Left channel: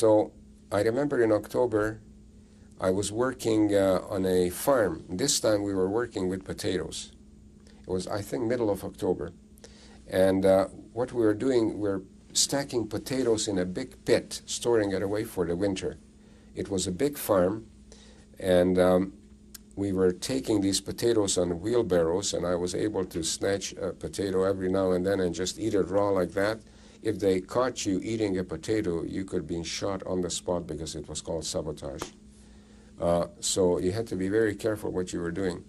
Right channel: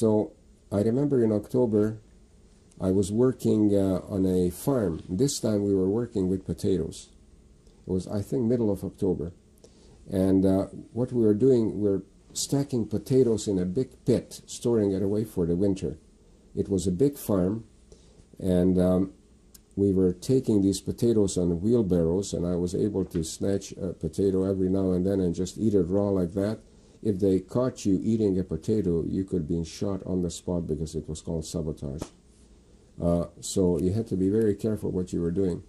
So I remember in October, I was working on a farm. This time we were working with potatoes. It was, I think, middle of October. And what we were doing, we're stacking potatoes in a big pit, storing it away for the winter. It was a big farm, and we were taking these potatoes on wheelbarrows, and I was able to snatch a potato every now and then and just eat it raw like that. If they caught you eating a potato, you could be shot on the spot because it was called sabotage. So you had to be very careful what you were doing.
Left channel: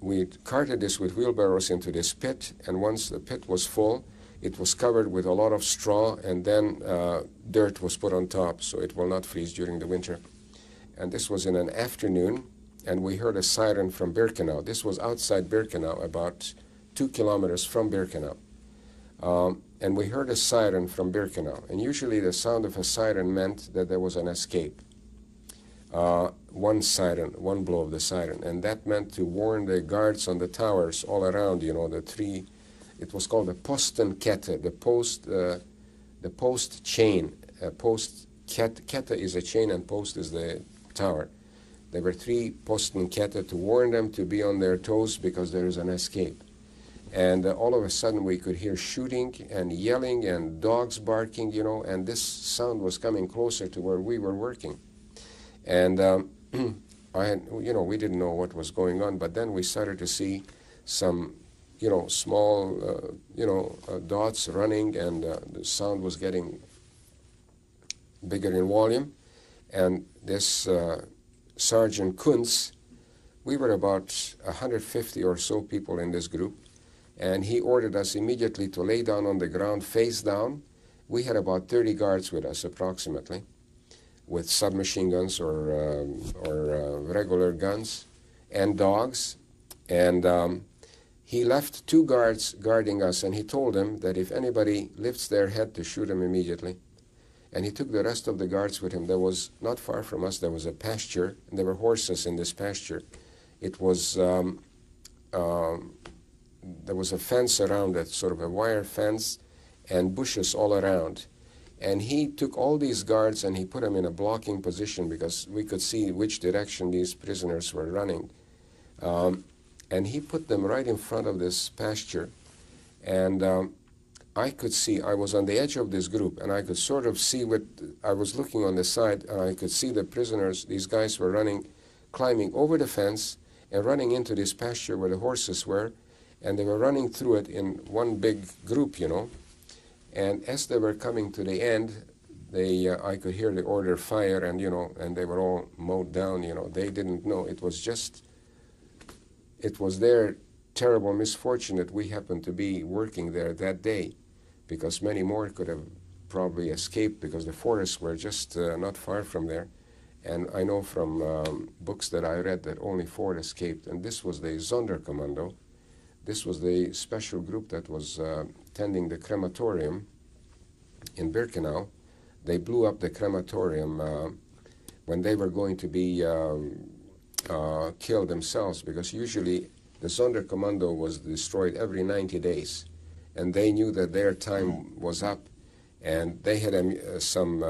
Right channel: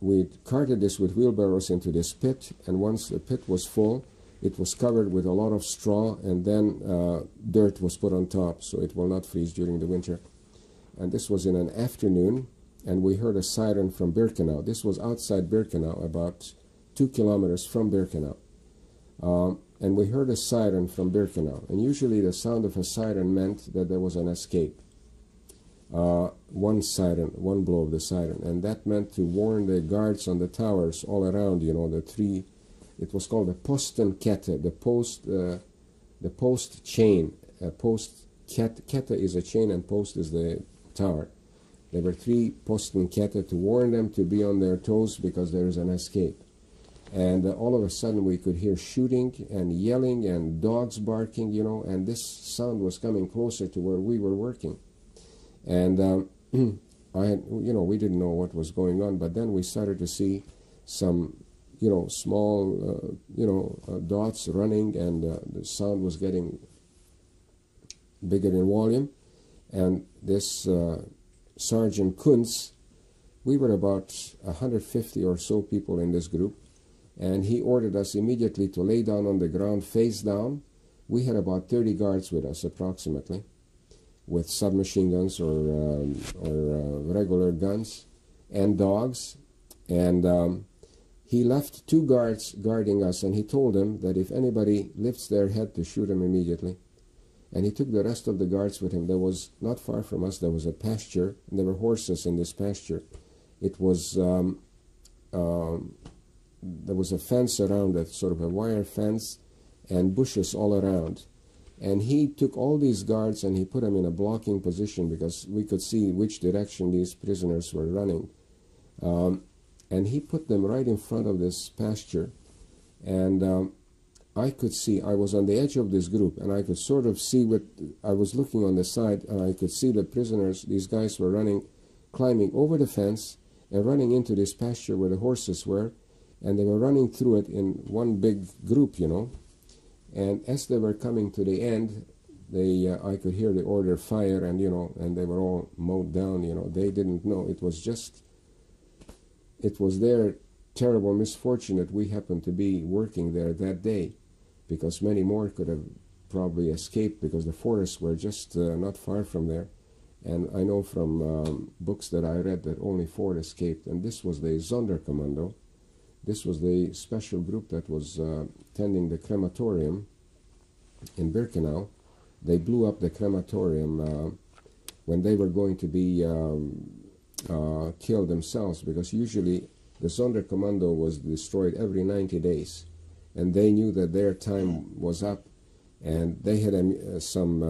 We carted this with wheelbarrows into this pit, and once the pit was full, it was covered with a lot of straw, and then dirt was put on top so it will not freeze during the winter. And this was in an afternoon, and we heard a siren from Birkenau. This was outside Birkenau, about 2 kilometers from Birkenau. And we heard a siren from Birkenau, and usually the sound of a siren meant that there was an escape. One siren, one blow of the siren, and that meant to warn the guards on the towers all around, you know, the three. It was called the Postenkette, the post chain. Kette is a chain and post is the tower. There were 3 Postenkette to warn them to be on their toes because there is an escape. And all of a sudden we could hear shooting and yelling and dogs barking, you know, and this sound was coming closer to where we were working. And we didn't know what was going on, but then we started to see some, small, dots running, and the sound was getting bigger in volume. And this Sergeant Kunz, we were about 150 or so people in this group, and he ordered us immediately to lay down on the ground, face down. We had about 30 guards with us, approximately, with submachine guns or regular guns and dogs. And he left 2 guards guarding us, and he told them that if anybody lifts their head to shoot him immediately. And he took the rest of the guards with him. There was, not far from us, there was a pasture, and there were horses in this pasture. It was, there was a fence around it, sort of a wire fence, and bushes all around. And he took all these guards and he put them in a blocking position because we could see which direction these prisoners were running. And he put them right in front of this pasture. And I could see, I was on the edge of this group, and I could sort of see what, I was looking on the side, and I could see the prisoners, these guys were running, climbing over the fence and running into this pasture where the horses were, and they were running through it in one big group, And as they were coming to the end, I could hear the order fire, and and they were all mowed down. They didn't know. It was their terrible misfortune that we happened to be working there that day, because many more could have probably escaped because the forests were just not far from there. And I know from books that I read that only 4 escaped, and this was the Sonderkommando. This was the special group that was tending the crematorium in Birkenau. They blew up the crematorium when they were going to be killed themselves, because usually the Sonderkommando was destroyed every 90 days, and they knew that their time was up, and they had some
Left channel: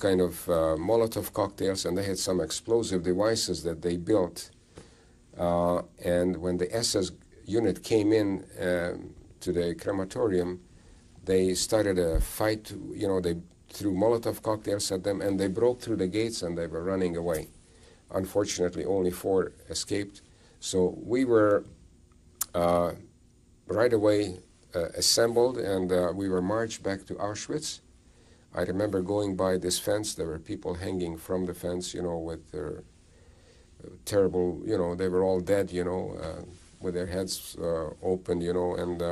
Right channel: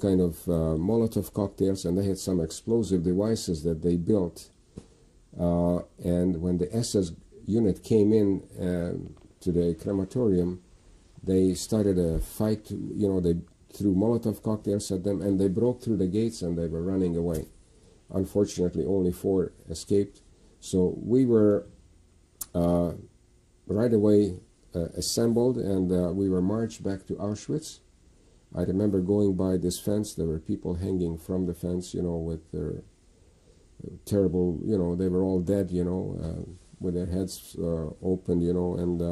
kind of Molotov cocktails, and they had some explosive devices that they built. And when the SS unit came in to the crematorium, they started a fight. They threw Molotov cocktails at them, and they broke through the gates, and they were running away. Unfortunately, only 4 escaped. So we were right away assembled, and we were marched back to Auschwitz. I remember going by this fence. There were people hanging from the fence, with their terrible, they were all dead, with their heads open, and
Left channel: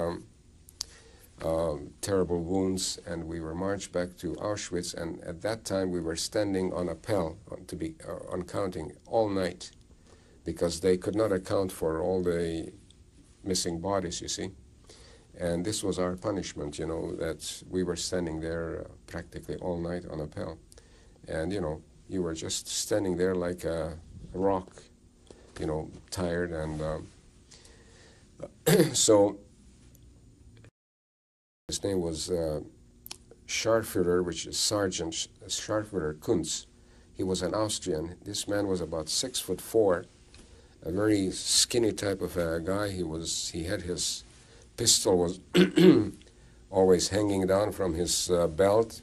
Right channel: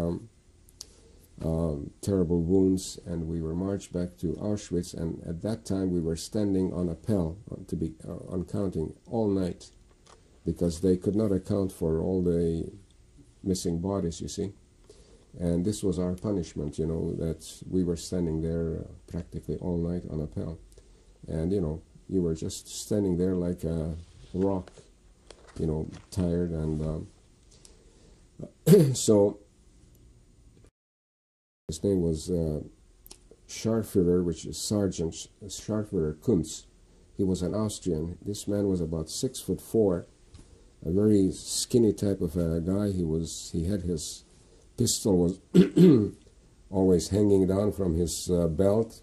terrible wounds. And we were marched back to Auschwitz, and at that time we were standing on appel on counting all night, because they could not account for all the missing bodies, you see. And this was our punishment, that we were standing there practically all night on appel. And, you were just standing there like a rock, tired. And so his name was Scharführer, which is Sergeant Scharführer Kunz. He was an Austrian. This man was about 6'4", a very skinny type of a guy. He had his pistol was always hanging down from his belt,